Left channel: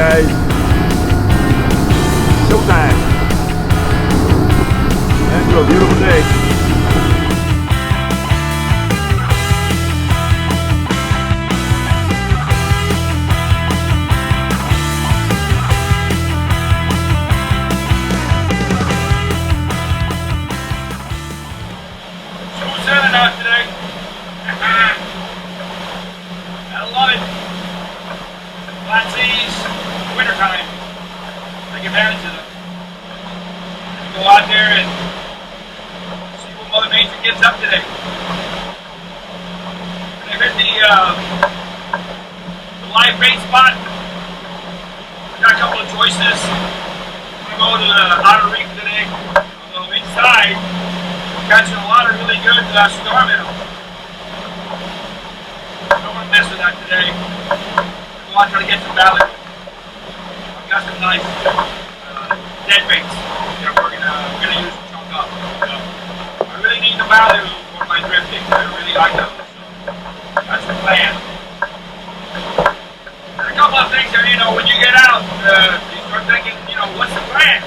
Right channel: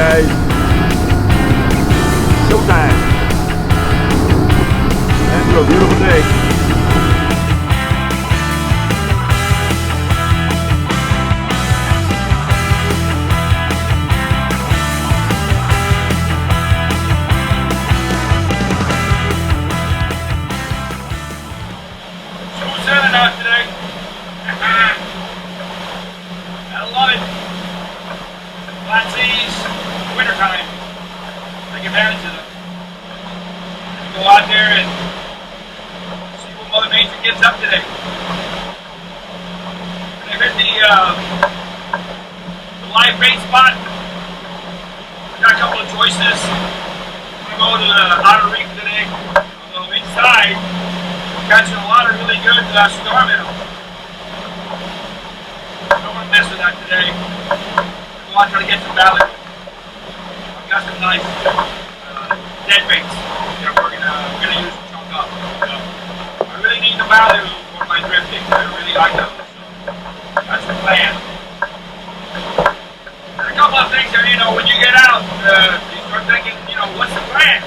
guys. Showtime. Into a beautiful day. Smooth sailing out today. I love it. Flat seas, wintertime. Take advantage of them. Go out there and see what Mother Nature gets up today. When I hit the live bait spot, I got a couple of choices. I'm going to go to the outer reef today. Although inside, I'm catching a lot of really good storm minnow. I don't want to mess with that today. I'm trying to get some value. I've got some nice dead baits that we're gonna use to chunk up. So I really need the value for my drifting. I really like those. So that's the plan. There's a couple of things that, when you get out, you start thinking, what's the plan?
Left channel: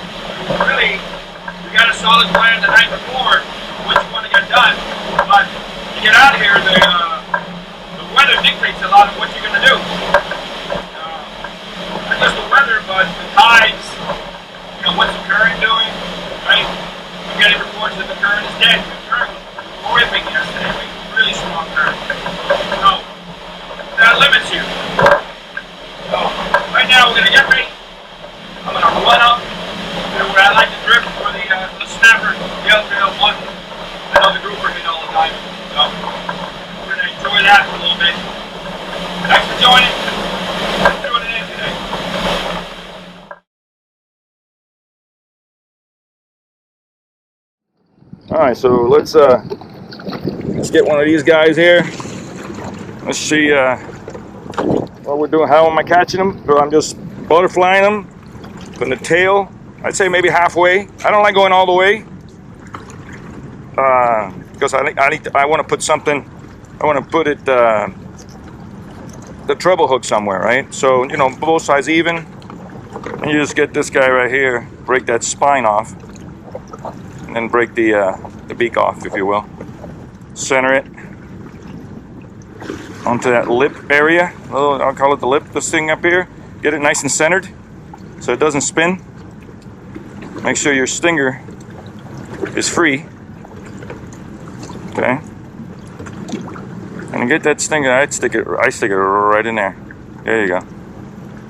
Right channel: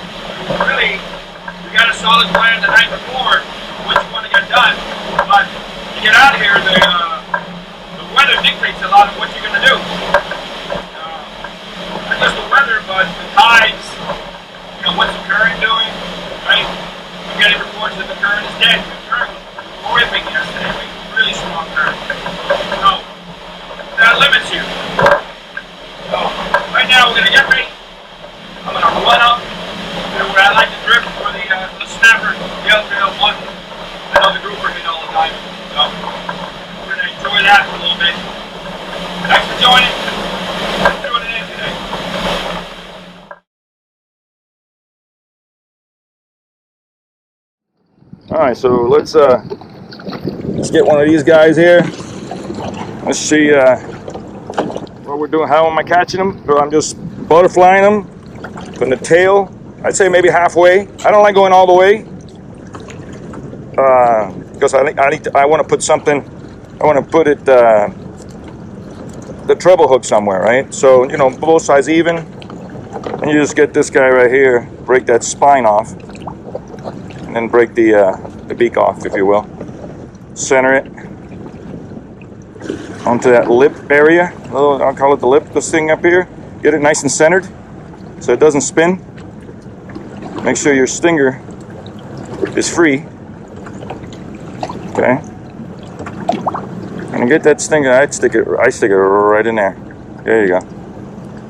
Really, we got a solid plan the night before, what you want to get done. But you get out here, the weather dictates a lot of what you're gonna do. Not just the weather, but the tides, what's the current doing, right? I'm getting reports that the current is dead. The current was horrific yesterday, really strong current. So, that limits you. So, right now we're going to get ready. I'm going to run up to where I like to drift for the snapper, Yellowtail, mutton. I know the grouper hit all the time. So, we're going to enjoy that for a little bit. Thanks for joining. Let's do it in today. All right, so let's get one of these guys here. Let's see what we're doing. How am I catching them? So I'm just butterflying them from the tail. I'd say maybe halfway. I don't like going all the way because I want to put something. I want to put it the treble hook somewhere, right? So both sides even, and you just get this guy right here. Break that spine off. And then break the beak off, if you will. Center it onto that lip area. I'll call it the lip, this thing up here. Get it nice and centered so it doesn't spin. Make sure your stinger is free. Okay. And get that stinger, I stick it right in there. There you go.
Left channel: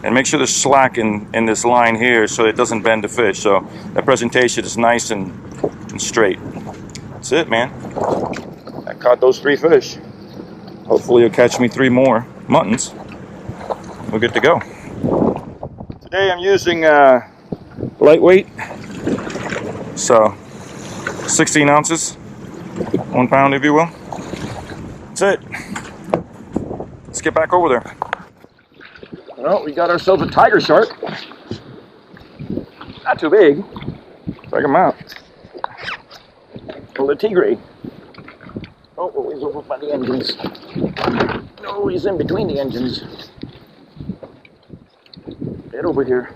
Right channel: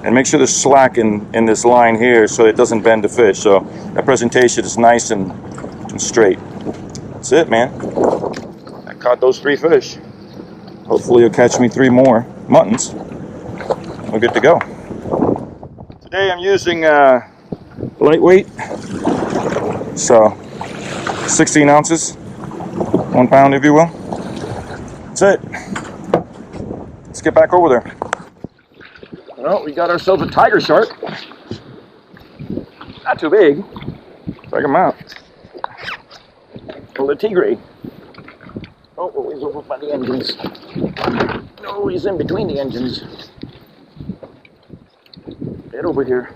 And make sure there's slack in this line here so it doesn't bend the fish. So that presentation is nice and straight. That's it, man. I caught those 3 fish. Hopefully you'll catch me 3 more muttons. We're good to go. Today I'm using lightweight. So 16 ounces, 1 pound if you will. That's it. Let's get back over there. Well, we got ourselves a tiger shark. Not too big. Check him out. The tigre. Oh, he's over by the engines. No, he's in between the engines. Get over here.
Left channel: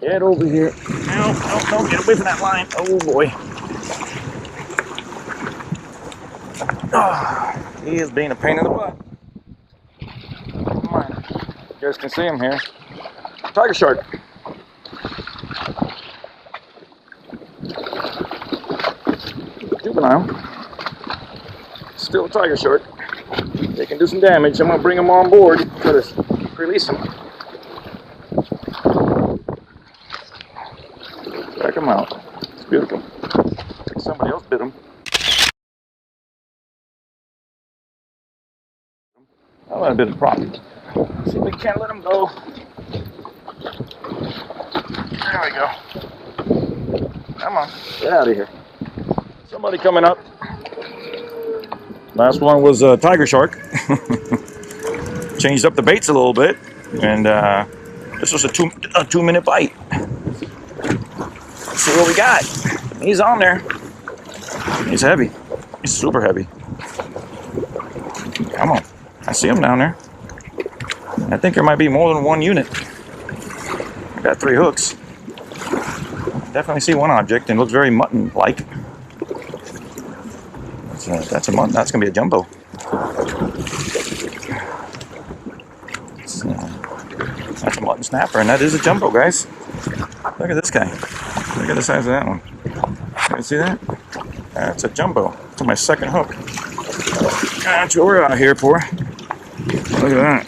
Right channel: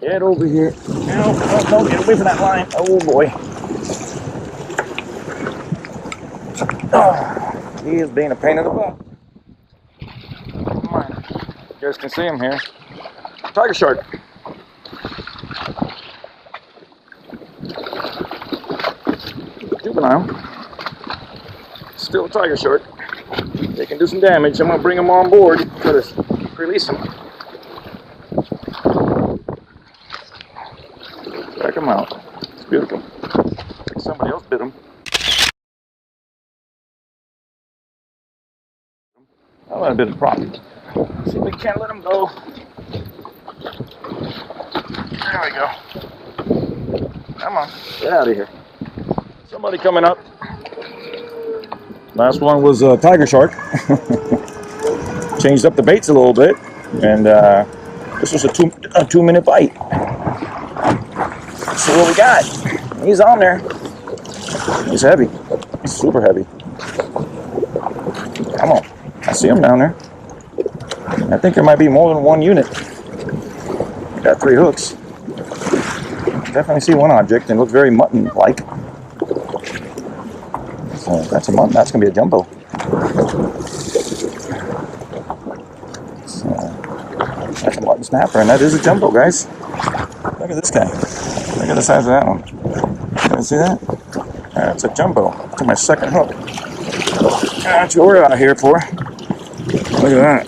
Get over here. No, don't get away from that line. Oh boy. Oh, he is being a pain in the butt. Come on. You guys can see him here. Tiger shark. Juvenile. Still a tiger shark. They can do some damage. I'm going to bring them on board. Try to release them. Check them out. It's beautiful. Looks like somebody else bit them. Oh, that bit of problem. See if we can't let them go. There we go. Come on, get out of here. Somebody coming up. Last one was a tiger shark. Changed up the baits a little bit, and this was a 2-minute bite. Let's see what we got. He's on there. He's heavy. He's super heavy. Come on. I see him down there. I think there might be more than one unit. I got 3 hooks. Definitely see one object and looks very mutton-like. So that's a mutton. That's gonna be a jumbo. That's a mutton snapper, and that is a jumbo, guys. Look at this guy. Look at the size of that one. You see that? That's a jumbo. That's my second hook. That's what we're out here for. Look at that.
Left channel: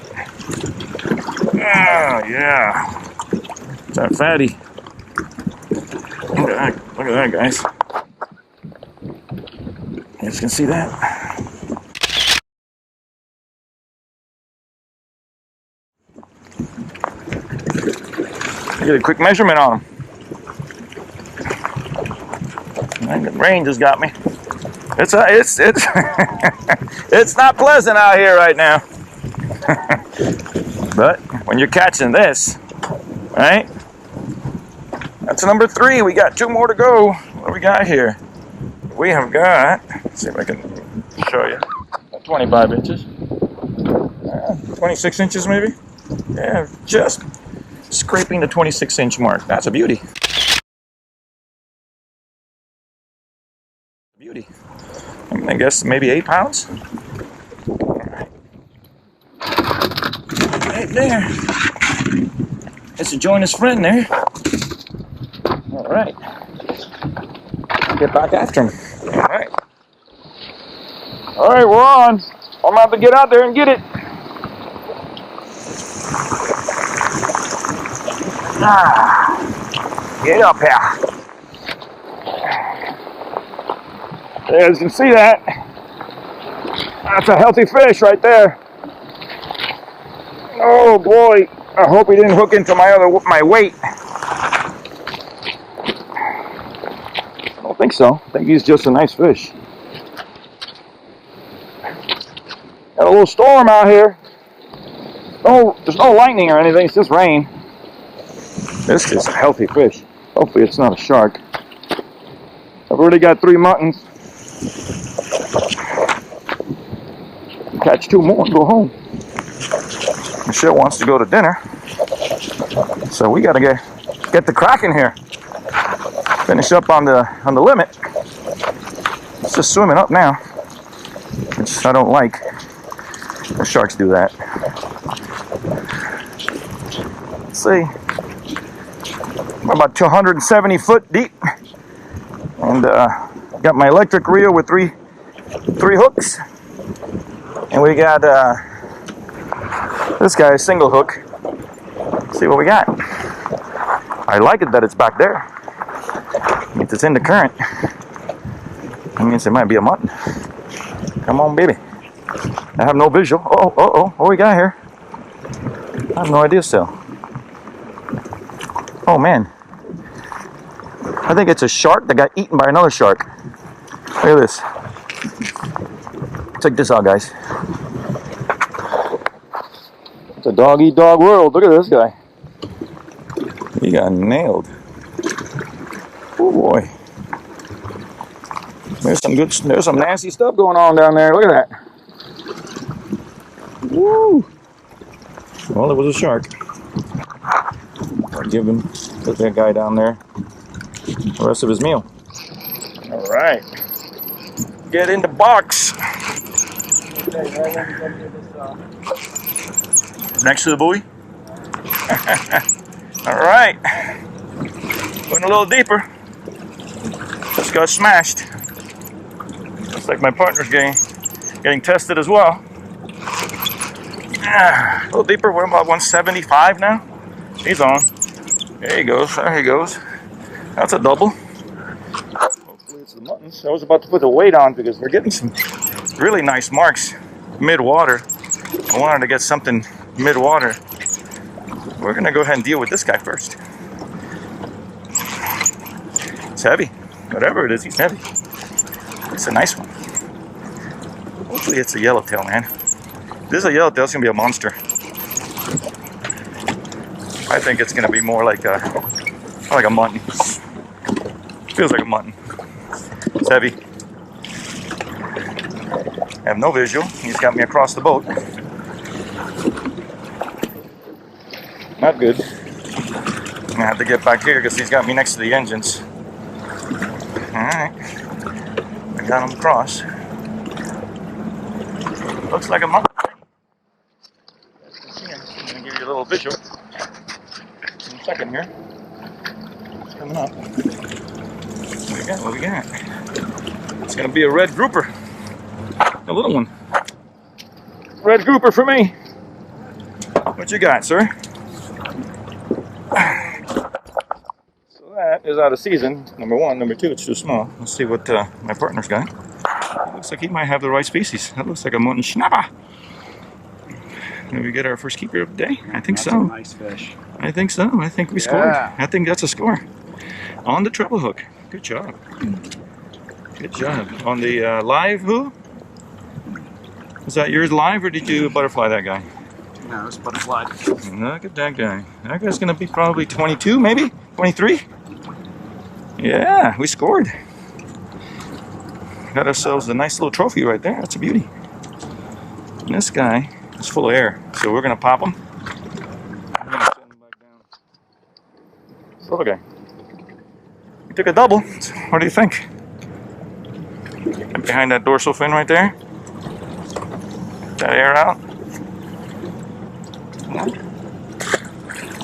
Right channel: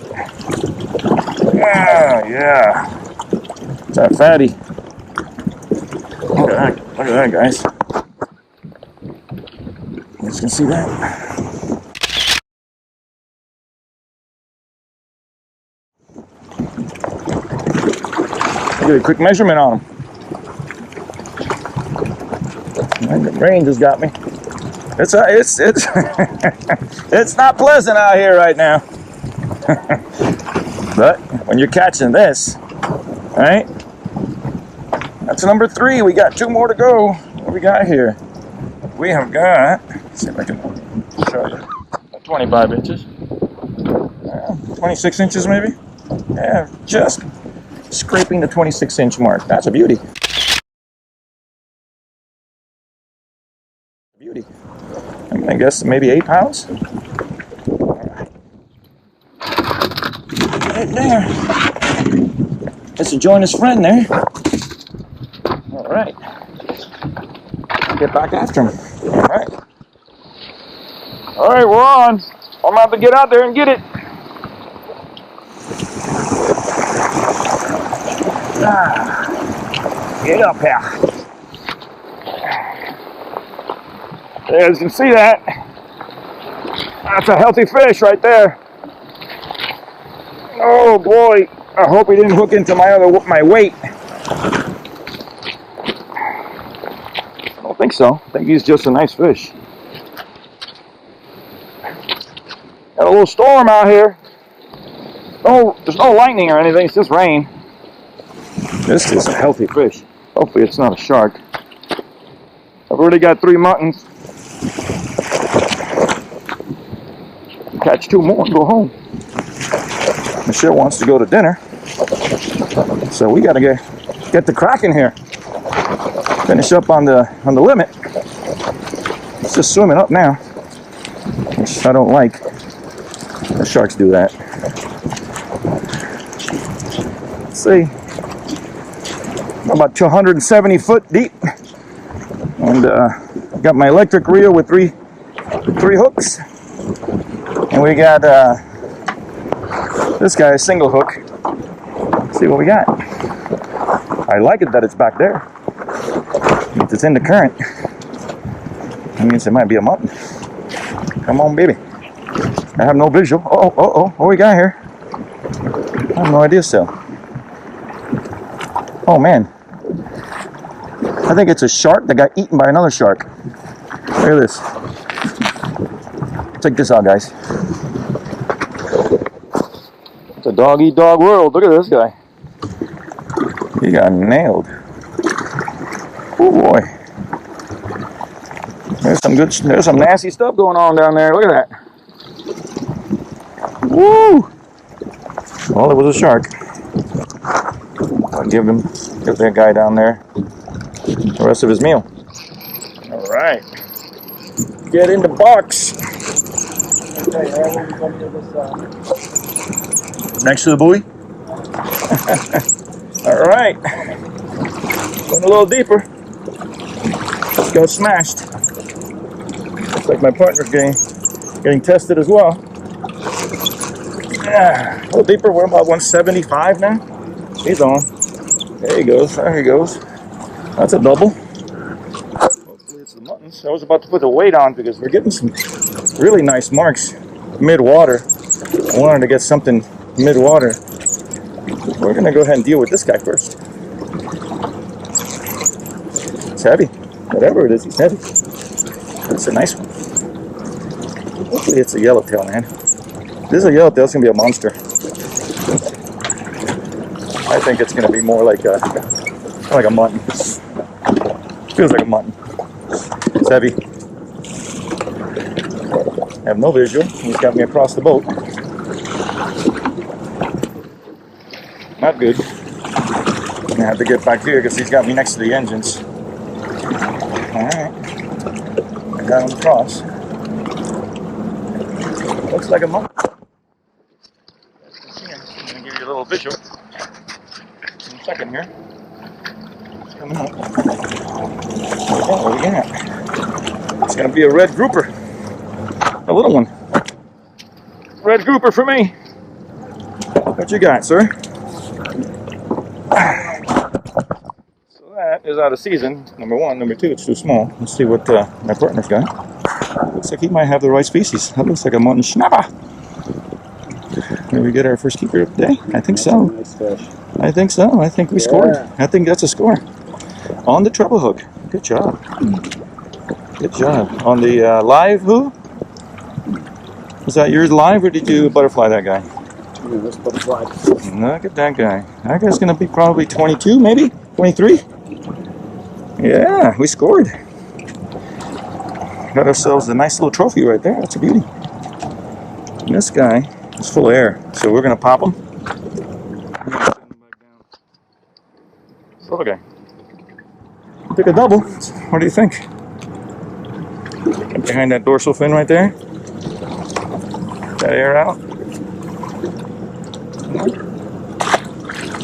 Oh, yeah. It's that fatty. Look at that. Look at that, guys. You guys can see that. Get a quick measurement on them. The rain just got me. It's it's not pleasant out here right now. But when you're catching this, right? That's number 3. We got 2 more to go. What do we got here? We have got, let's see if I can show you. 25 inches. 26 inches maybe? Yeah, just scraping the 26-inch mark. That's a beauty. Beauty. I guess maybe 8 pounds. All right. Right there. Let's join his friend there. All right. Get back after him. All right. All right, we're on. I'm about to get out there and get it. Get up here. As you can see that, that's a healthy fish right there. Oh boy, I hope he didn't hook into my weight. I don't think so. I think he's just a nice fish. Got a little storm out here. Oh, there's no lightning or anything, it's just rain. This is a healthy fish. Hopefully it's not a shark. I've already got 3 muttons. Catch 2 more and go home. Michelle wants to go to dinner, so we gotta get the cracking here. Finish up on the limit. It's just swimming up now, which I don't like. The sharks do that. Let's see. I'm about 270 foot deep, and got my electric reel with three hooks. And we got this guy, a single hook. Let's see what we got. I like it that it's back there. It means it's in the current. That means it might be a mutton. Come on, baby. I have no visual. What we got here? I have no idea still. Oh man. I think it's a shark that got eaten by another shark. Look at this. Check this out, guys. It's a dog-eat-dog world. Look at this guy. He got nailed. Oh boy. There's some nasty stuff going on down there. Look at that. Woo! Well, it was a shark. I'll give that guy down there the rest of his meal. All right. Get in the box. Next to the buoy. All right. Went a little deeper. Just got smashed. Looks like my partner's getting tested as well. A little deeper. We're about 175 now. He's on. There he goes. There he goes. That's a double. Hopefully it's the muttons. I was about to put the weight on because we're getting some really nice marks mid-water. I wanted to get something mid-water. We're gonna go ahead and deal with this guy first. It's heavy. Whatever it is, he's heavy. It's a nice one. Hopefully it's a yellowtail, man. If this is a yellowtail, it's gonna be a monster. I think it's gonna be more like a mutton. Feels like a mutton. It's heavy. I have no visual. He's got me across the boat. Not good. I have to get back here because he's got me next to the engines. Alright. I got him across. Looks like a mutton. I'm going to give you a little visual in a second here. It's coming up. What we got? It's going to be a red grouper. A little one. Red grouper for me. What you got, sir? So that is out of season, number one. Number two, it's too small. Let's see what my partner's got. It looks like he might have the right species. That looks like a mutton schnapper. Did we get our first keeper of the day? I think so. Nice fish. I think so. I think we scored. I think that's a score. On the treble hook. Good job. Good job. On the live who? Was that yours live or did you butterfly that guy? No, it's butterfly. Look at that guy. That guy's going to be probably 22, maybe? 23? Yeah, we scored. Got ourselves a nice little trophy right there. That's a beauty. And this guy is full of air, so we're going to pop him. We're going to send him back down. So, okay. Took a double. What do you think? And behind that dorsal fin right there. That air out.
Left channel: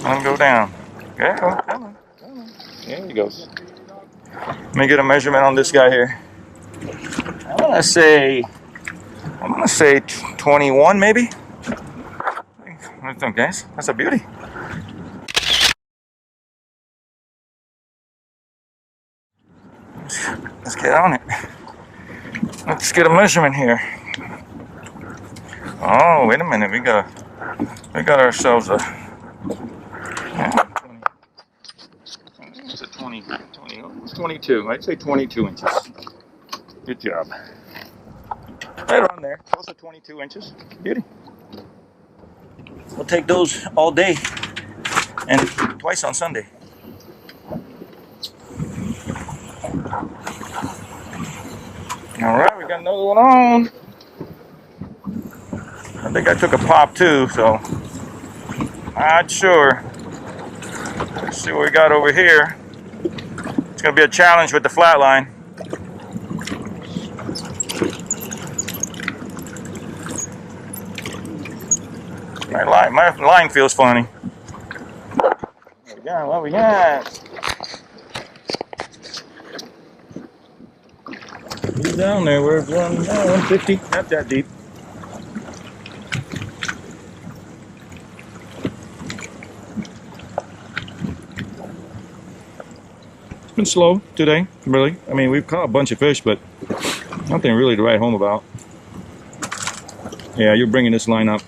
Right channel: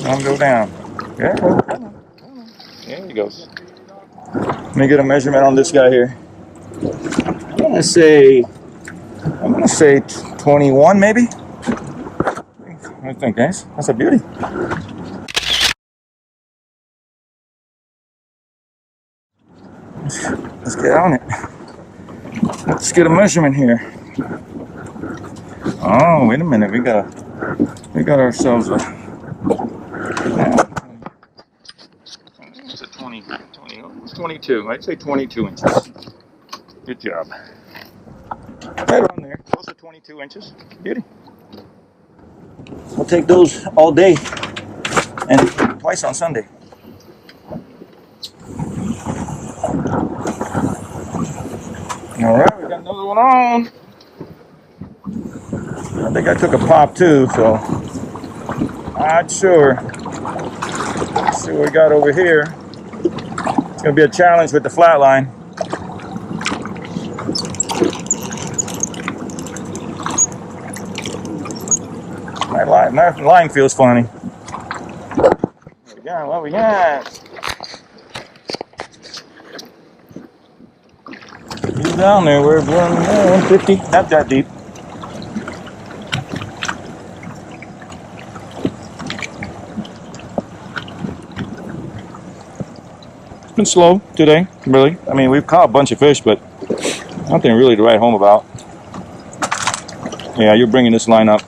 Let him go down. Okay, come on. There he goes. Let me get a measurement on this guy here. I'm gonna say 21 maybe. What do you think, guys? That's a beauty. Let's get on it. Let's get a measurement here. Oh, wait a minute. We got ourselves a 20. It's a 20. It's 22. I'd say 22 inches. Good job. Right around there. Close to 22 inches. Beauty. We'll take those all day and twice on Sunday. All right, we got another one on. I think I took a pop too, so not sure. Let's see what we got over here. It's gonna be a challenge with the flat line. My line feels funny. What we got? He's down there. We're 150. Not that deep. It's been slow today, really. I mean, we've caught a bunch of fish, but nothing really to write home about. Yeah, you're bringing this line up.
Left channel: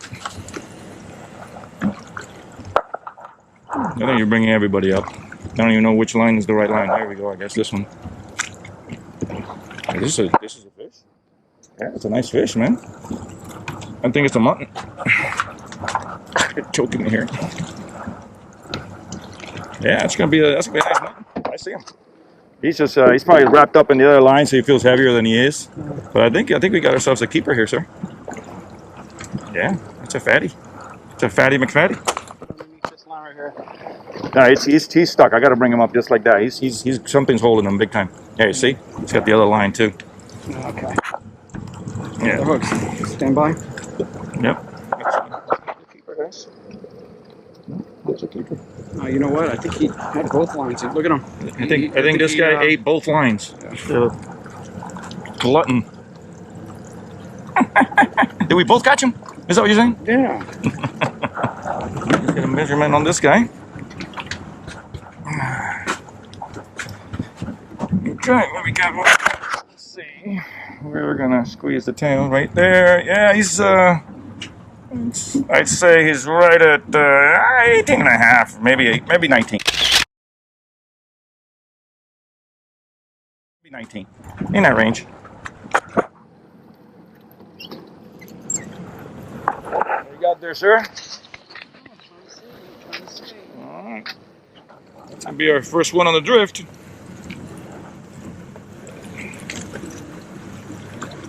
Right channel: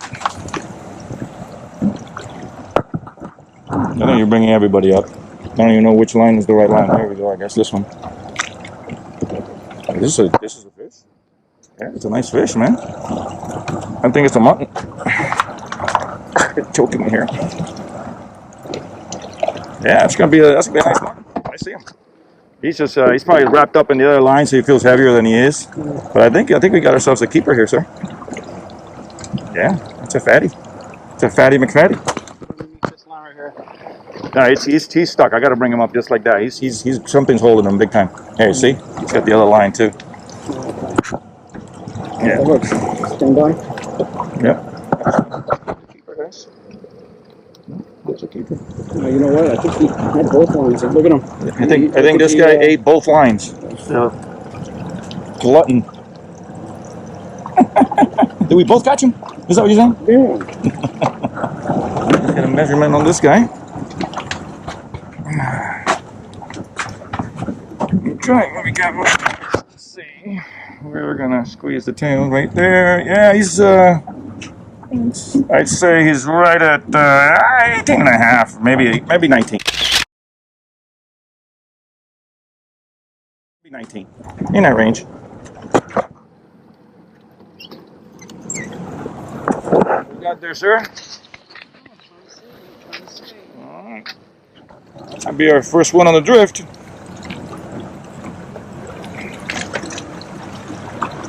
I think you're bringing everybody up. I don't even know which line is the right line. There we go. I guess this one. This is a fish. Yeah, it's a nice fish, man. I think it's a mutton. It's choking me here. Yeah, that's gonna be a nice mutton. I see him. He's just he's probably wrapped up in the other line, so he feels heavier than he is. But I think we got ourselves a keeper here, sir. Yeah, that's a fatty. It's a fatty McFatty. He's stuck. I got to bring him up just like that. He's something's holding him big time. Here, see? He's got the other line too. Okay. Yeah. Look, stand by. Yep. That's a keeper, guys. That's a keeper. You know what? I think he had both lines. Look at him. I think this guy ate both lines. Glutton. Did we both catch him? Is that what you're saying? Yeah. Get a measurement on this guy. Okay, what we got? Let's see. We're gonna squeeze the tail right there. Yeah, he's I'd say he's right at 18 and a half, maybe 19. Maybe 19. In that range. What you got there, sir? Alright. That's gonna be our first one on the drift.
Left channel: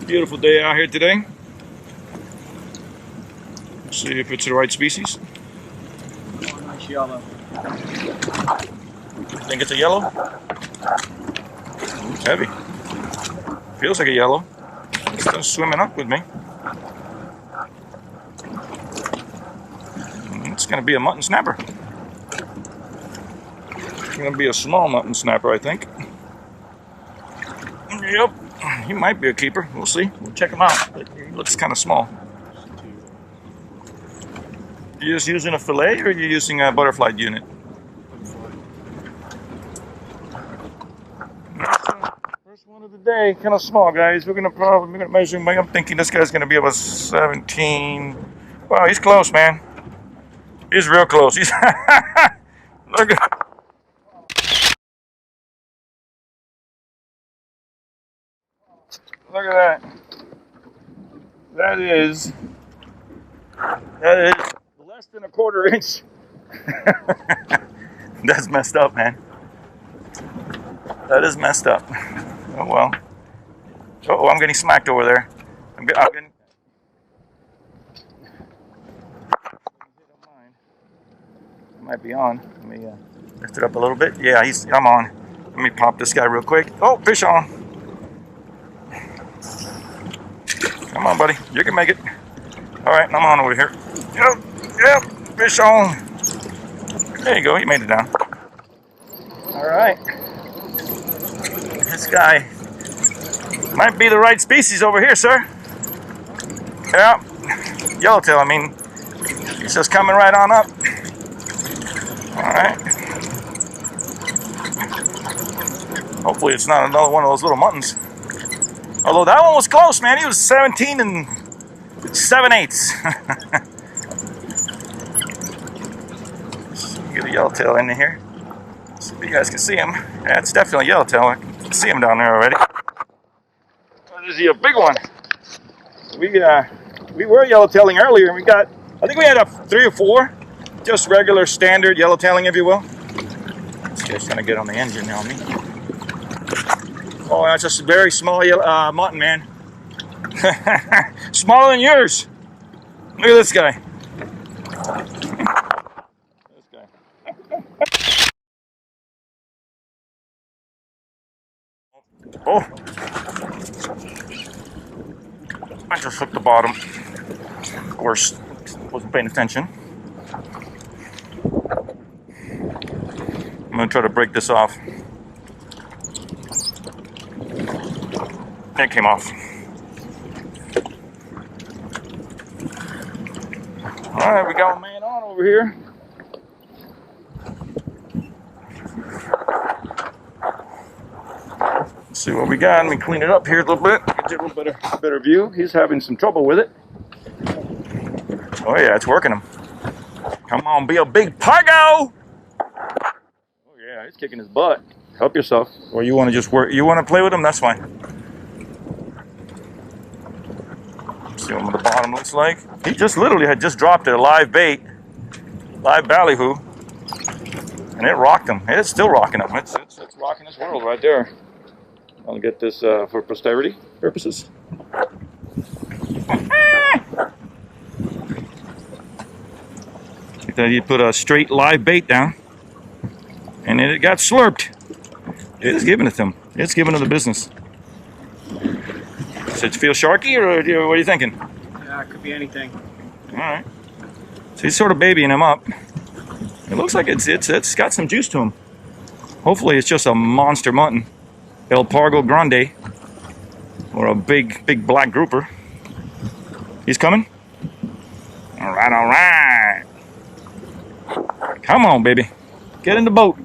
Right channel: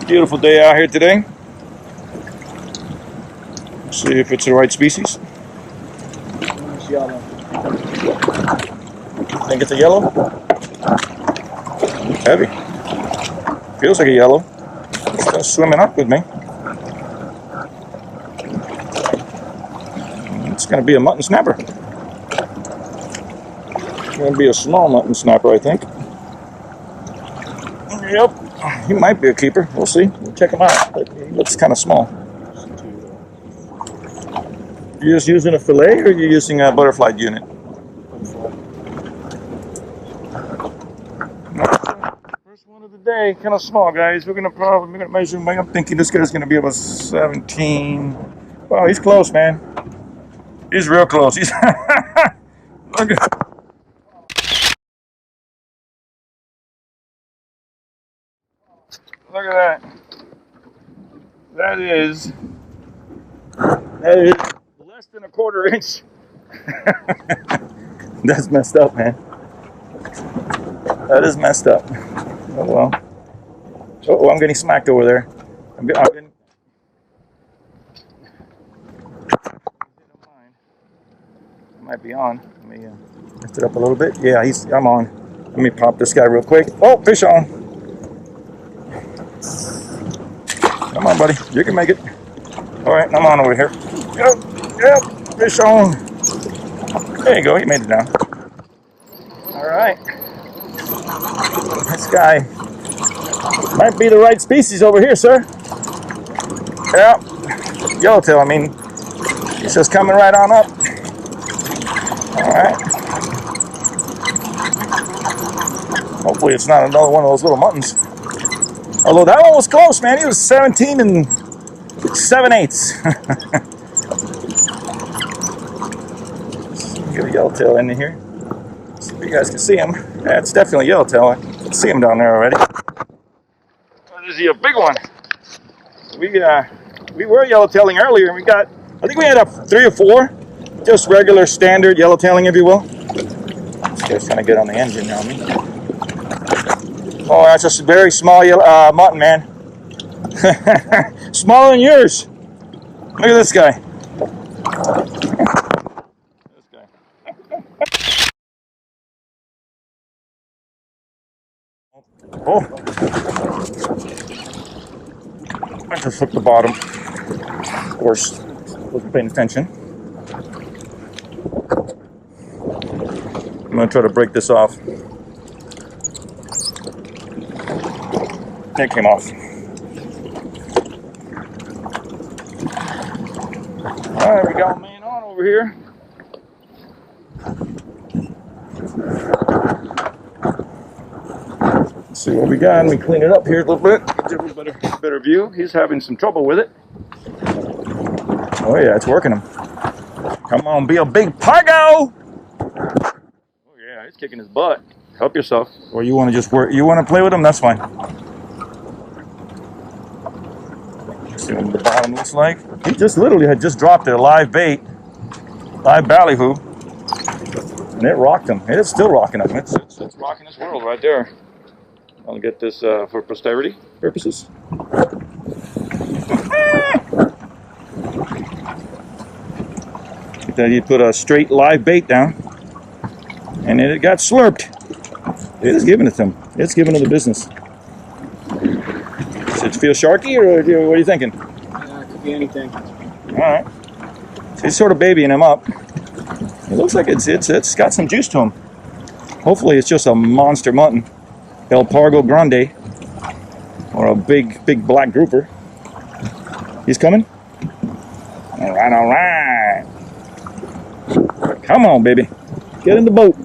Beautiful day out here today. Let's see if it's the right species. Nice yellow. Think it's a yellow? Heavy. Feels like a yellow. It's still swimming up with me. It's going to be a mutton snapper. It's going to be a small mutton snapper, I think. Yep. He might be a keeper. We'll see. We'll check him out. He looks kind of small. You just using a fillet, or are you using a butterfly unit? First one of the day, kind of small, guys. We're gonna measure him. I'm thinking this guy's gonna be about 17. Wow, he's close, man. He's real close. He's look at. Look at that. That is less than a quarter inch. That's messed up, man. That is messed up. Oh well. Oh, I'm getting smacked over there. I'm getting. I might be on. Let me lift it up a little bit. Yeah, I'm on. Let me pop this guy real quick. Oh, fish on. Come on, buddy. You can make it. All right, I'm on over here. Yep, fish on. There you go. He made it down. All right. This guy might be the right species over here, sir. Yeah. Yellowtail, I mean. He's just coming right on up. All right. Hopefully it's not another one of those little muttons. Although that one was close, man. He was 17 and 7/8. Get a yellowtail in here. See if you guys can see him. Yeah, it's definitely yellowtail. I can see him down there already. Oh, there's a big one. We were yellowtailing earlier, and I think we had 3 or 4, just regular standard yellowtailing, if you will. This guy's trying to get on the engine on me. Oh, that's just a very small mutton, man. Smaller than yours. Look at this guy. This guy. Oh. I just hooked the bottom. Of course, wasn't paying attention. I'm going to try to break this off. It came off. All right, we got a man on over here. Let's see what we got. Let me clean it up here a little bit. Get you a little better view. He's having some trouble with it. Oh yeah, it's working him. Come on, be a big puggo. Oh yeah, he's kicking his butt. Help yourself. Or you want to just work? You want to play with him? That's fine. See what the bottom looks like. He just literally had just dropped a live bait, live ballyhoo, and it rocked him. It's still rocking him. It's rocking his world right there. I'll get this for posterity purposes. He put a straight live bait down, and it got slurped. It is giving it to him. It's giving him the business. Does it feel sharky, or what are you thinking? Yeah, it could be anything. All right. So he's sort of babying him up. It looks like it's got some juice to him. Hopefully it's just a monster mutton, El Pargo Grande, or a big black grouper. He's coming. All right. Come on, baby. Get in the boat.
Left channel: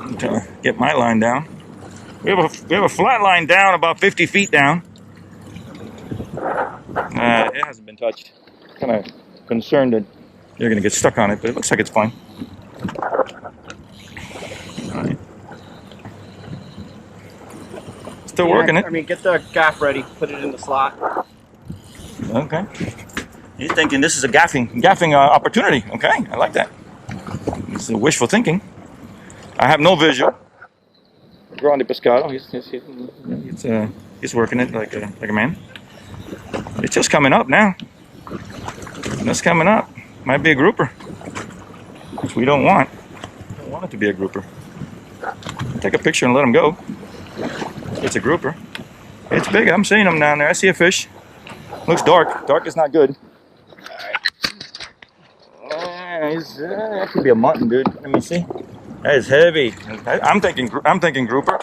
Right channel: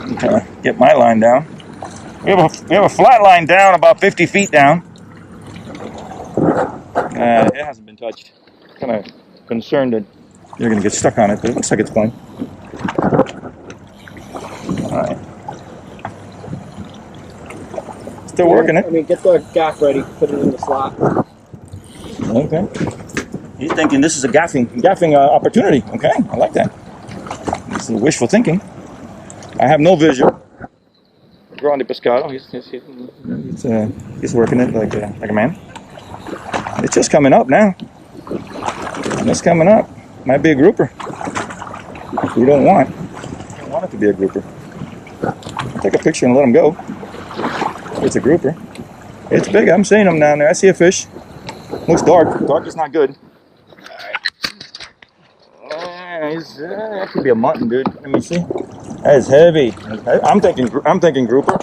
I'm trying to get my line down. We have a flat line down about 50 feet down. It hasn't been touched. Kind of concerned that you're going to get stuck on it, but it looks like it's fine. All right. Still working it. I mean, get the gaff ready. Put it in the slot. Okay. He's thinking this is a gaffing opportunity. Okay, I like that. This is wishful thinking. I have no visual. Grande pescado. He's working it like a man. It's just coming up now. It's coming up. Might be a grouper. which we don't want. We don't want it to be a grouper. Take a picture and let them go. It's a grouper. It's big. I'm seeing them down there. I see a fish. Looks dark. Dark is not good. That could be a mutton, dude. Let me see. That is heavy. I'm thinking grouper.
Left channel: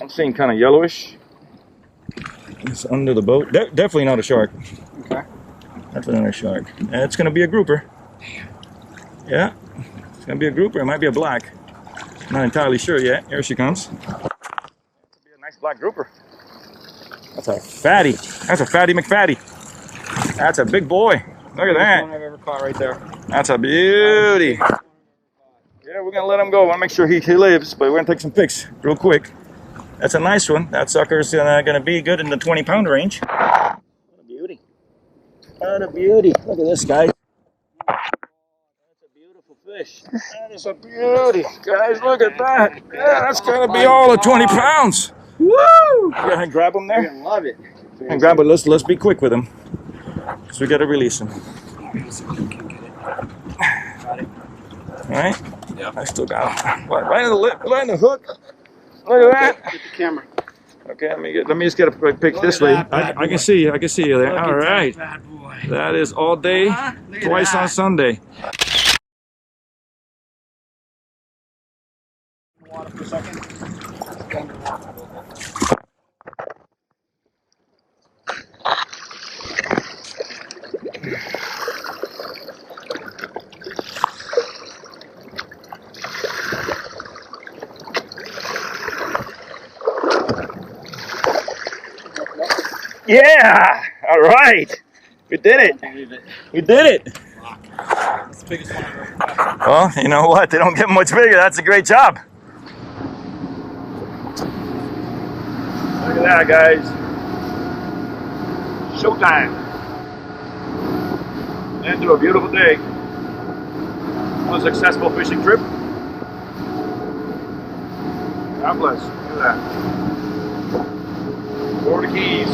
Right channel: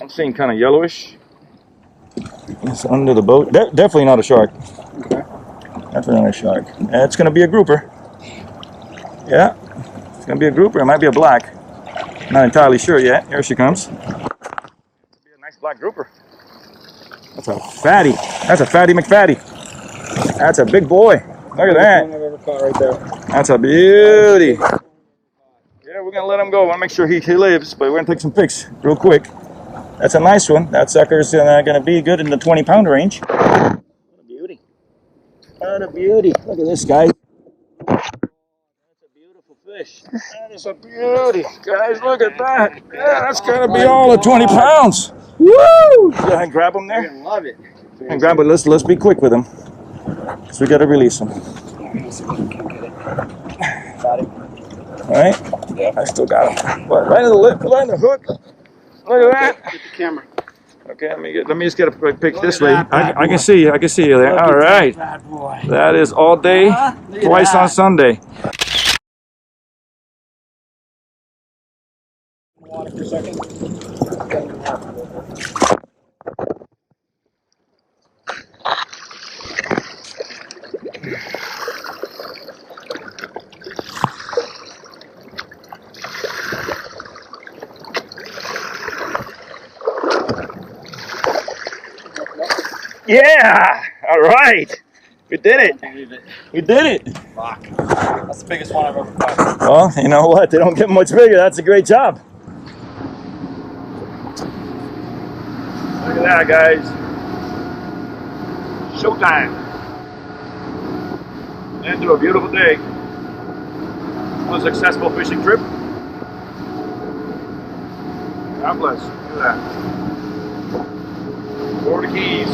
I'm seeing kind of yellowish. It's under the boat. Definitely not a shark. Okay. Definitely not a shark. It's gonna be a grouper. Yeah, it's gonna be a grouper. It might be a black. Not entirely sure yet. Here she comes. It'll be a nice black grouper. That's a fatty. That's a fatty McFatty. That's a big boy. Look at that. One I've ever caught right there. That's a beauty. Yeah, we're gonna let him go. I want to make sure he lives, but we're gonna take some pics real quick. That's a nice one. That sucker's gonna be good in the 20-pound range. What a beauty. What a beauty. Look at this, guys. That's a beautiful fish. That is a beauty. Guys, look at that. Yeah, that's gotta be all of 20 pounds. Woo! Go ahead and grab him there. You're gonna love it. And grab it. Let's be quick with him. Because we gotta release him. Got it. All right? Yep. I still got him. What, right in the lip, right in the hook. Look at that. Get the camera. Okay, let me just get a quick pic Look this at way. that bad I can boy. see you. I can see you there. Look All at right. that bad boy. That is all day, Look at twice that. on Sunday. Water for a second. Stand in the water for a little bit. Yeah! All right. We did it. Believe it. We did it. Fuck. That's the biggest one I've ever caught. Well, you know what? They don't get much bigger. That's a great job. Look at that, guys. Showtime. End to a beautiful day. One successful fishing trip. God bless. Look at that. Florida Keys.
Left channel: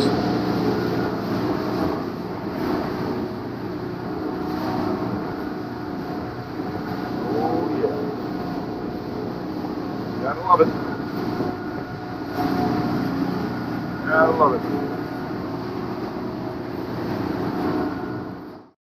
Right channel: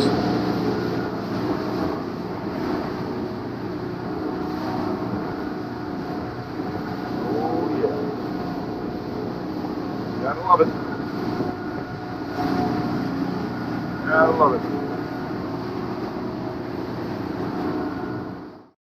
Oh yeah. Gotta love it. Gotta love it.